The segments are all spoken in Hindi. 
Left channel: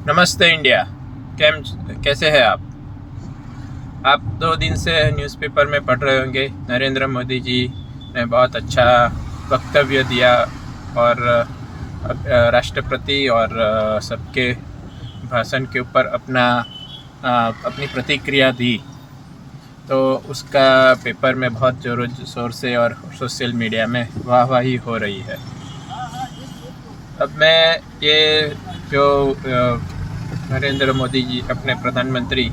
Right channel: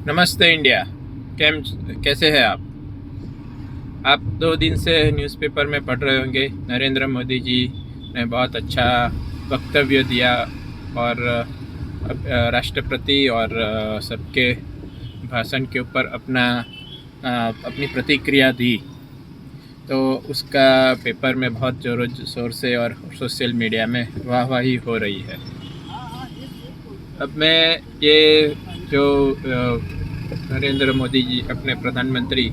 नमस्ते इंडिया। कैसे हैं आप 2 दिन से न्यूज़पेपर में पढ़ रहे होंगे, नरेंद्र मोदी जी ने बहुत अच्छा वक्तव्य दिया और राष्ट्रपति और सबके भाषण के ऊपर अपनी प्रतिक्रिया दी। तो उसका पेपर में बहुत ज़ोरों शोर से और सोशल मीडिया में वाहवाही हो रही है। अब मैं ये जो नरेंद्र मोदी जी अपने प्रधानमंत्री,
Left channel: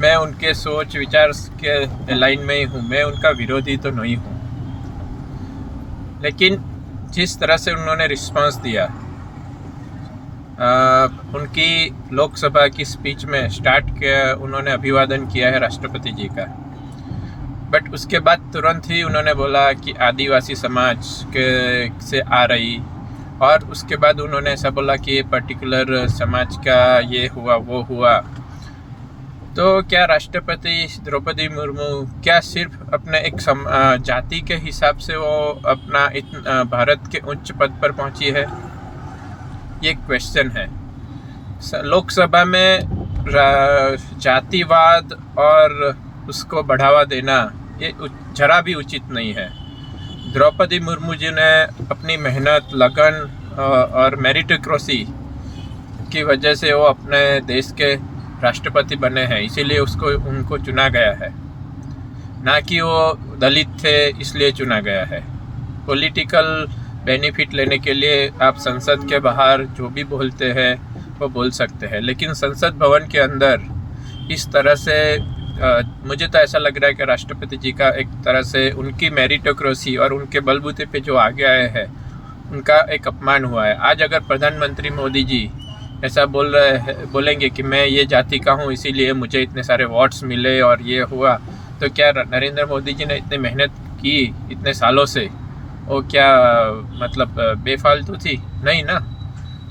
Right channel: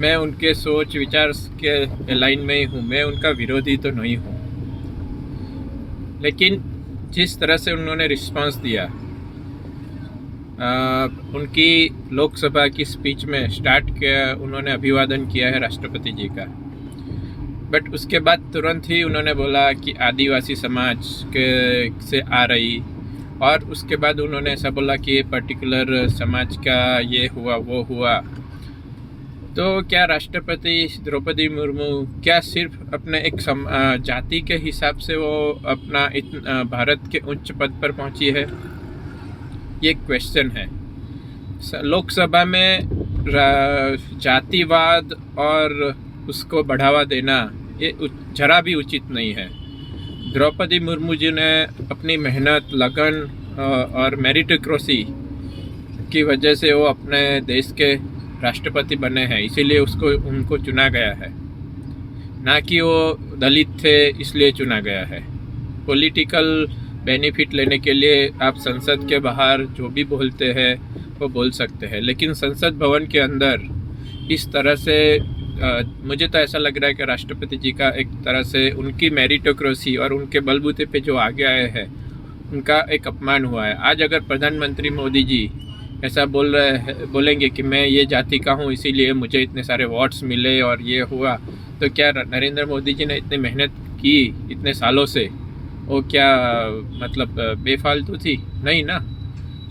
मैं उनके सोच विचार के लाइन में ही हूँ। मैं उनका विरोधी तो नहीं हूँ, लेकिन जिस तरह से उन्होंने रिस्पांस दिया उनकी लोकसभा की स्पीच में स्टार्ट किया, उन्होंने अभिवादन किया है राष्ट्रपति जी का, बट उसके बाद तुरंत ही उन्होंने बोला कि आदिवासी समाज के से आ रही, और उसके बाद उन्होंने ऐसा बोला कि ये पर्टिकुलर समाज का ये हुआ वो हुआ। तो क्या राष्ट्रपति द्रौपदी मुर्मू क्या सिर्फ अपने एक जाति के हिसाब से वो अपना भारत के उच्च पद पर पहुंची है? ये क्वेश्चन है। लोकसभा में जातिवाद और उसको बढ़ावा देना ये जरा भी उचित नहीं है। द्रौपदी मुर्मू जी ने अपनी मेहनत, लगन और मेरिटोक्रेसी की वजह से वो अपने देश के राष्ट्रपति बने हैं, इसीलिए उनको चुना गया है, ना कि वो दलित थे इसलिए चुना गया है। पॉलिटिकल बेनिफिट लेने के लिए आप संसद के बाहर जो भी बोलते हैं वो बोल सकते हैं, लेकिन संसद भवन के अंदर इस तरह से मुझे तो ऐसा लग रहा है कि राष्ट्रपति जी का एक तरह से उनकी मेरिटोक्रेसी और उनके बलबूते पे जो आगे आए हैं उनका एक अपमान हुआ है। आज अगर प्रधानमंत्री मोदी जी ऐसा बोलेंगे कि मैं ये जाति का हूँ इसीलिए मुझे इतने सारे वोट्स मिले और ये हुआ, तो क्या नरेंद्र मोदी जी ने इतनी मेहनत की इतने सालों से, वो क्या मतलब बेफालतू थी? नहीं ना।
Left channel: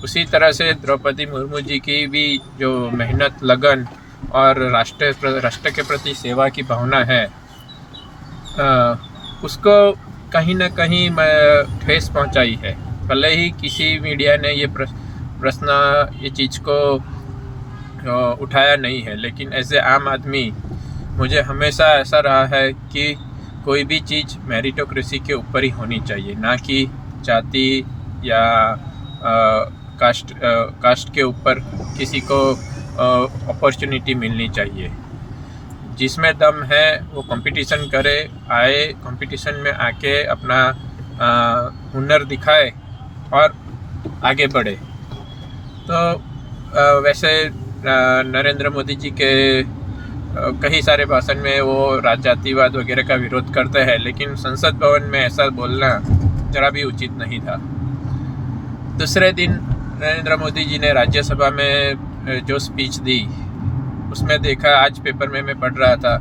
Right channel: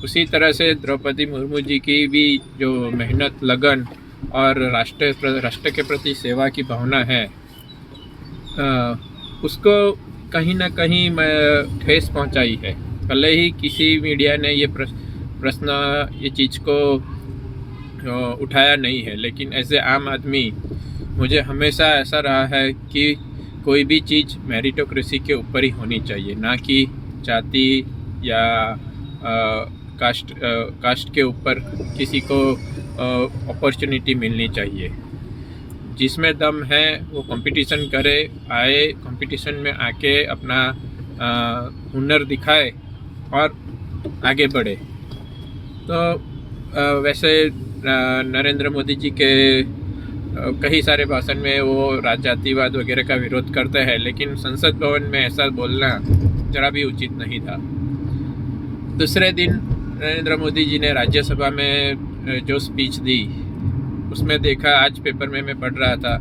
उसी तरह से द्रौपदी मुर्मू जी की भी जो मेहनत, लगन और राष्ट्र के प्रति सेवा की भावना है, उसको कहीं ना कहीं ठेस पहुंचाई है। भले ही किसी मीडिया ने ये प्रश्न ये चीज़ को उठाया नहीं है, लेकिन एज ए आम आदमी मुझे हमेशा ऐसा रहा है कि कोई भी चीज़ मेरिटोक्रेसी के ऊपर ही होनी चाहिए, ना कि जाति या कास्ट के ऊपर किसी को अपॉर्चुनिटी मिलनी चाहिए। जिसमें दम है वो कंपटीशन करे, आए कंपटीशन में आके अपना हुनर दिखाए और आगे बढ़े। तो वैसे नरेंद्र मोदी जी के कई सारे भाषण में वो जातिवाद वगैरह का विरोध करते हैं, लेकिन संसद भवन में ऐसा बोलना जरा भी उचित नहीं था। दूसरे दिन नरेंद्र मोदी जी ने राज्यसभा में जो स्पीच दी उसमें देखा, आज पेपर में मैं पढ़ रहा था,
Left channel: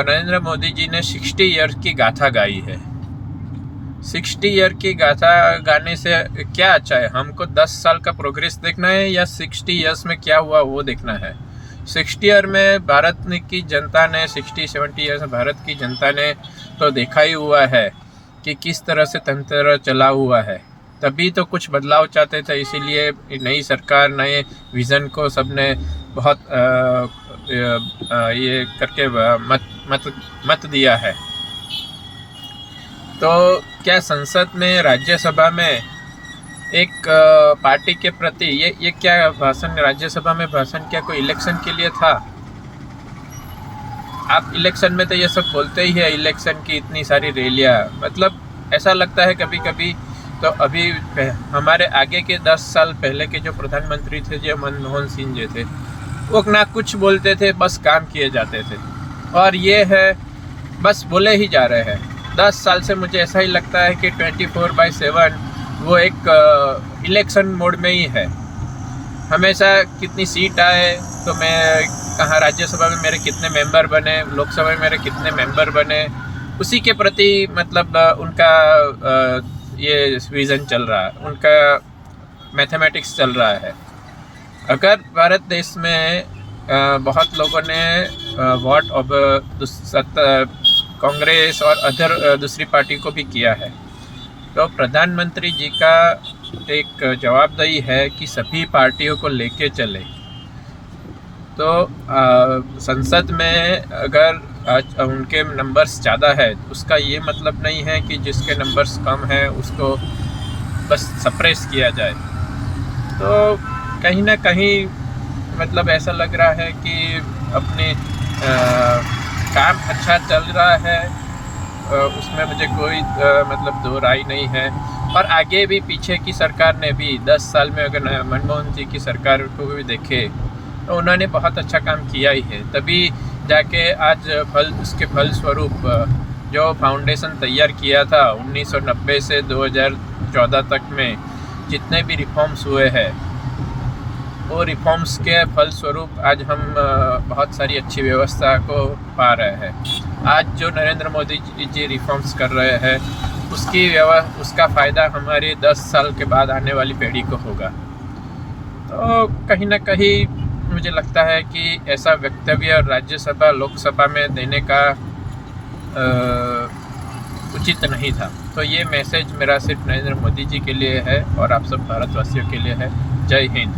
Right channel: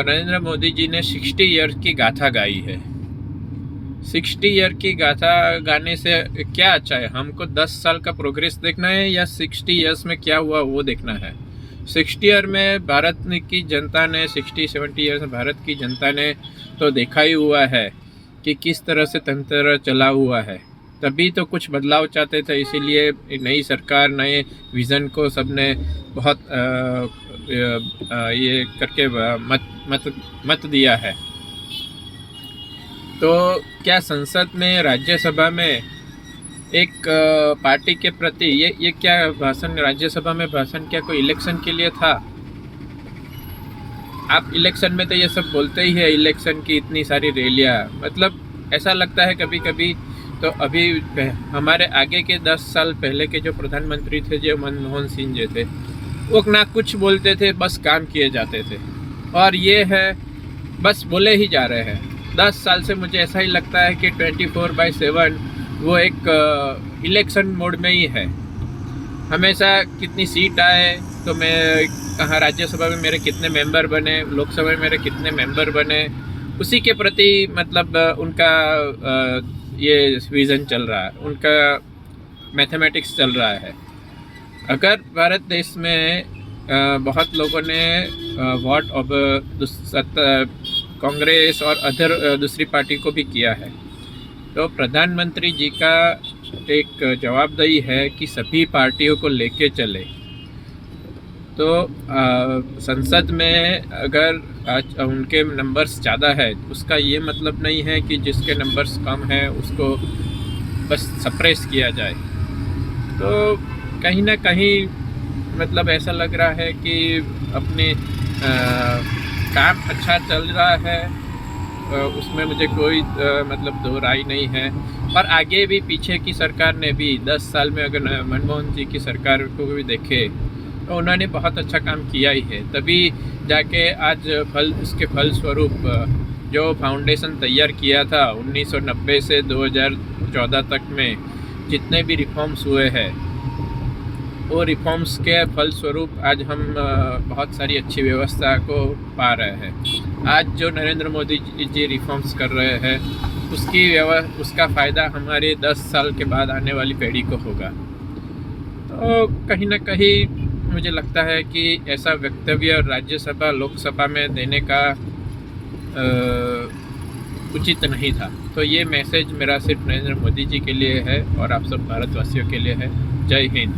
नरेंद्र मोदी जी ने 60 ईयर की गाथा गाई है। 60 ईयर की गाथा गाने से क्या अच्छा है? हमको 10 साल का प्रोग्रेस देखना है या 60 ईयर्स में क्या हुआ वो देखना है? 60 ईयर में भारत की जनता ने, 60-70 ईयर्स में भारत की जनता ने तो देखा ही हुआ है कि किस तरह से तंत्र चला हुआ है। तभी तो कुछ बदलाव चाहते थे, इसीलिए नई सरकार, नए विज़न को सबने बहुत ये करके मत दिया है। तो क्या संसद में, राज्यसभा में एक पार्टी के प्रति ये क्या भाषण, राज्यसभा में भाषण क्या कोई इलेक्शन के लिए था? आप इलेक्शन में तो ये सब बोलते ही है, इलेक्शन की इतनी सारी रैलियाँ, मतलब ऐसा लगता है कभी कभी तो अभी हमारे आगे के 10 साल पहले के जो प्रधानमंत्री थे, जो मनमोहन सिंह जी थे, वो ना कुछ बोलते थे, बस काम किए जाते थे, और ये है बस बोले ही जा रहे हैं। 10 साल से मुझे ऐसा ही लगता है कि 24/7 वो एक इलेक्शन मोड में ही है। हमेशा कितनी सीट आए तो मैं कहाँ, राज्यसभा में मेरे कितने मेंबर बने, लोकसभा में मेरे कितने मेंबर बने, उसी के प्रति मतलब उनका ये विज़न चल रहा है, उनका मैथमेटिक्स चल रहा है। अगर भारत देश में बहुत लोगों ने वोट अब कांग्रेस और अदर दूसरी पार्टी को भी किया है, तो प्रधानमंत्री जी का एक जवाबदेही है कि सभी पार्टियों को लेके चले। तो संसद में अगर आज उनके नंबर्स ज़्यादा है, उसका ये मतलब नहीं है कि जिसके नंबर्स कम हैं उसको बस सप्रेस किया जाए। तो कहीं ना कहीं मतलब ऐसा लग रहा है कि अपने काम अच्छा चल रहा है, उसमें मुझे कोई मतलब दो राय नहीं है। और आगे भी पीछे की सरकार ने भी 10 साल में अगर मनमोहन जी की सरकार को भी देखे तो उन्होंने बहुत अच्छा काम किया ही है, तभी जाके आज उसके फल स्वरूप जो फाउंडेशन तैयार किया था 1990 से 2014 तक में जितने भी रिफॉर्म्स हुए हैं, वो रिफॉर्म्स के फलस्वरूप आज हम बहुत सारी अच्छी व्यवस्था को पा रहे हैं। आज जो नरेंद्र मोदी जी रिफॉर्म्स कर रहे हैं उसका फ़ायदा हमारे 10 साल के बाद आने वाली पीढ़ी को होगा। तो कहीं ना कहीं मुझे लगता है कि ऐसा वक्तव्य राज्यसभा लोकसभा में देने का उचित नहीं था। तो ये मैसेज मेरा सिर्फ नरेंद्र मोदी जी के लिए है और आप सब भारतवासियों के लिए है। जय हिंद।